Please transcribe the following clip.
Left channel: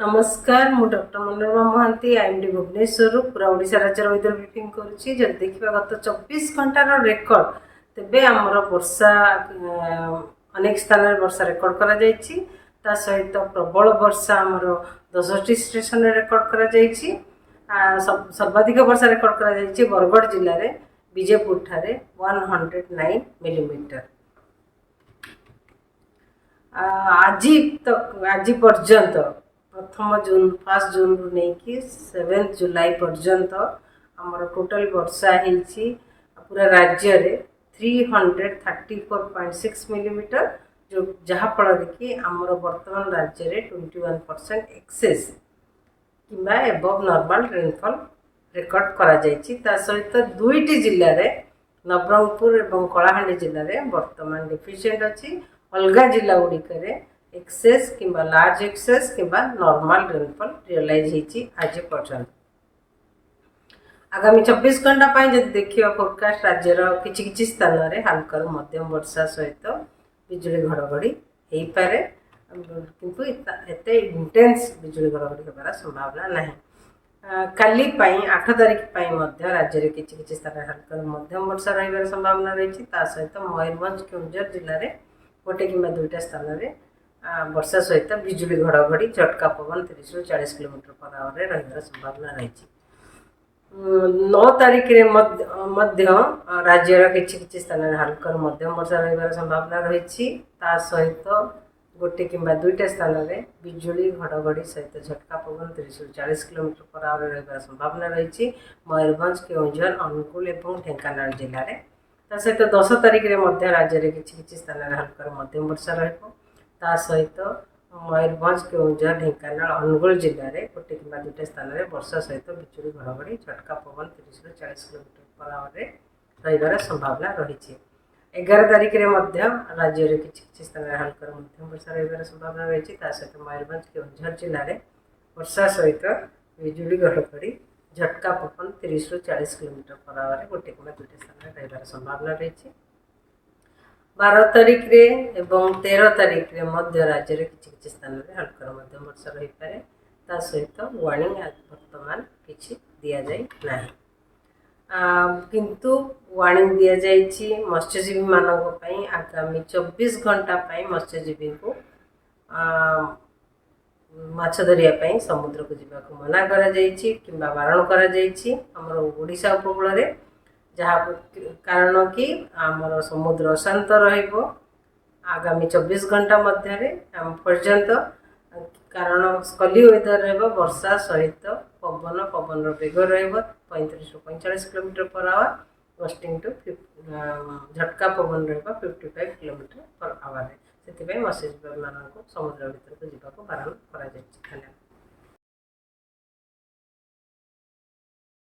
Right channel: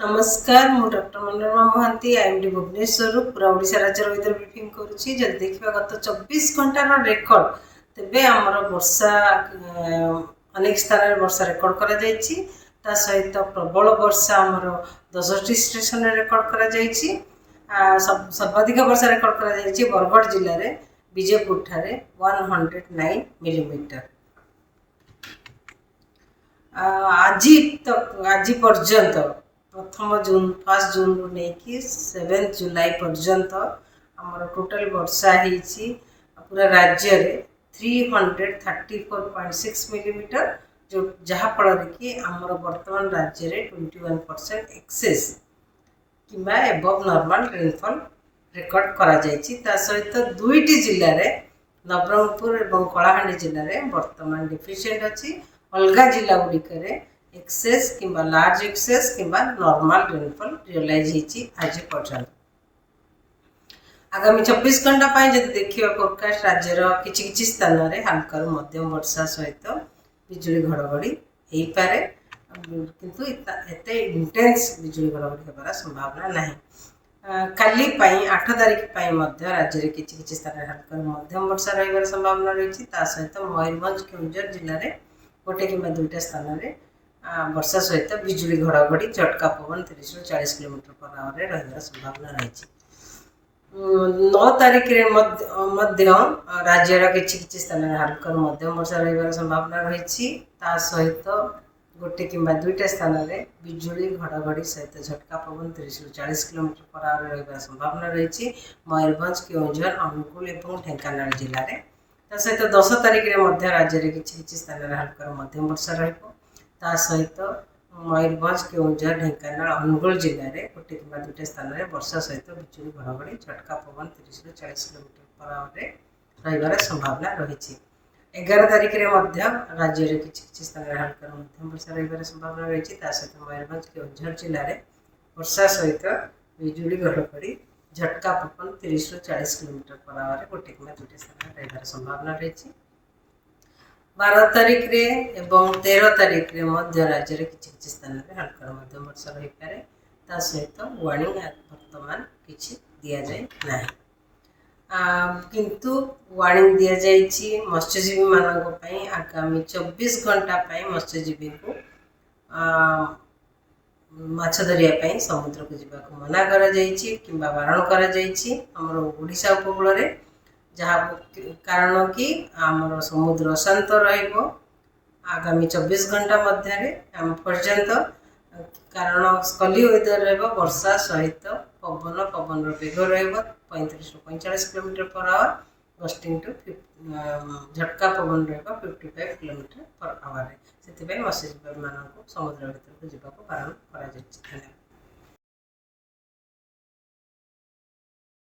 नमस्कार मु doctor Manorama Mahanti IMD Bhubaneswar पूरा ओडिशा राज्य वेदर ब्रीफिंग करुच्ची जब देखा गत 24 घंटार रेकर्ड तेबे आमर वर्षा अनेक स्थान में वर्षा रेकर्ड करा जायछि ता सहित प्रबल वर्षा आमर 10टी स्टेशन रेकर्ड करा जायछि। सर्वाधिक वर्षा रेकर्ड करा जायछि बरगढ़ जिले में विजयपुर ठारे 109 मिलीमीटर। आज पर्यंत प्रथम जून 1 जून रु नहीं 7 जुलाई पर्यंत आमर टोटल वर्षा होती पूरा राज्य रे 334.6 मिलीमीटर जो जहाँफल कि आमर वर्तमान राज्य रे 21% एक्सेस किंबा एबव नॉर्मल रेनफॉल रेकर्ड करा जायछि। ता सहित दुईटी जिले में नवरंगपुर और कलाहांडी जिले में वर्तमान डिफिशिएंट अच्छी अलग जिला गुड़िक एक्सेस किंबा लार्ज एक्सेस किंबा नॉर्मल रेनफॉल रियलाइज होती आज पर्यंत। आगामी 24 घंटा जब देखिए फोरकास्ट राज्यर किछि स्थान में हल्का मध्यम वर्षा सहित बिजुली घड़घड़ी हो पारे किंतु एते इंटेंस बिजुली घड़घड़ी होबार संभावना नहीं। काली 8 तारिख राज्य में किछि स्थान हल्का मध्यम वर्षा रही संभावना रही सहित मयूरभंज केन्दुझर जिले में गोटे कि दुईटा स्थान में वर्षा सहित बिजुली घड़घड़ी झटका पवन 30 ରୁ 40 किलोमीटर पर आवर रही संभावना रही। 9 तारिख राज्यर किछि स्थान में हल्का मध्यम वर्षा रही संभावना रही सहित गोटे कि दुईटा स्थान में बिजुली घड़घड़ी सहित झटका पवन 30 ରୁ 40 किलोमीटर पर आवर रही संभावना रही मयूरभंज केन्दुझर अनुगुल और ढेंकानाल जिले में। सहित 10 तारिख राज्य में किछि स्थान में हल्का मध्यम वर्षा रहा सहित मयूरभंज केन्दुझर ढेंकानाल अनुगुल जिले में गोटे कि दुईटा स्थान में वर्षा सहित बिजुली घड़घड़ी झटका पवन 30 ରୁ 40 किलोमीटर पर आवर रही संभावना रही। 11 तारिख राज्य में किछि स्थान में हल्का मध्यम वर्षा रही संभावना रही सहित मयूरभंज केन्दुझर जिले में वर्षा सहित बिजुली घड़घड़ी झटका पवन 30 ରୁ 40 किलोमीटर पर आवर गोटे कि दुईटा स्थान में रही संभावना रही। 12 तारिख एवं 13 तारिख राज्य में किछि स्थान में हल्का मध्यम वर्षा रही पारे सहित वार्निंग वर्तमान किछि दिया जाय नाही किंतु वार्निंग दिया जायछि मत्स्यजीवी मानक पई आगामी 24 घंटा मत्स्यजीवी को माछ धरिया समुद्र को जीवा को मना करा जायछि किंबा बारण करा जायछि हमर ओडिशा उपकूल रे जहाँ कारण कि आमर समुद्र अशांत रहिबो आगामी 24 घंटा मध्य पर्यंत कारण स्कली वेदर रहिबो वर्षा सहित पवन वेग रहिबो 35 ରୁ 45 kilometre per hour gusting to झटका पवन रहिबो 55 किलोमीटर पर आवर से मत्स्यजीवी मान समुद्र भीतर को जीवा को बारण करा जायछि।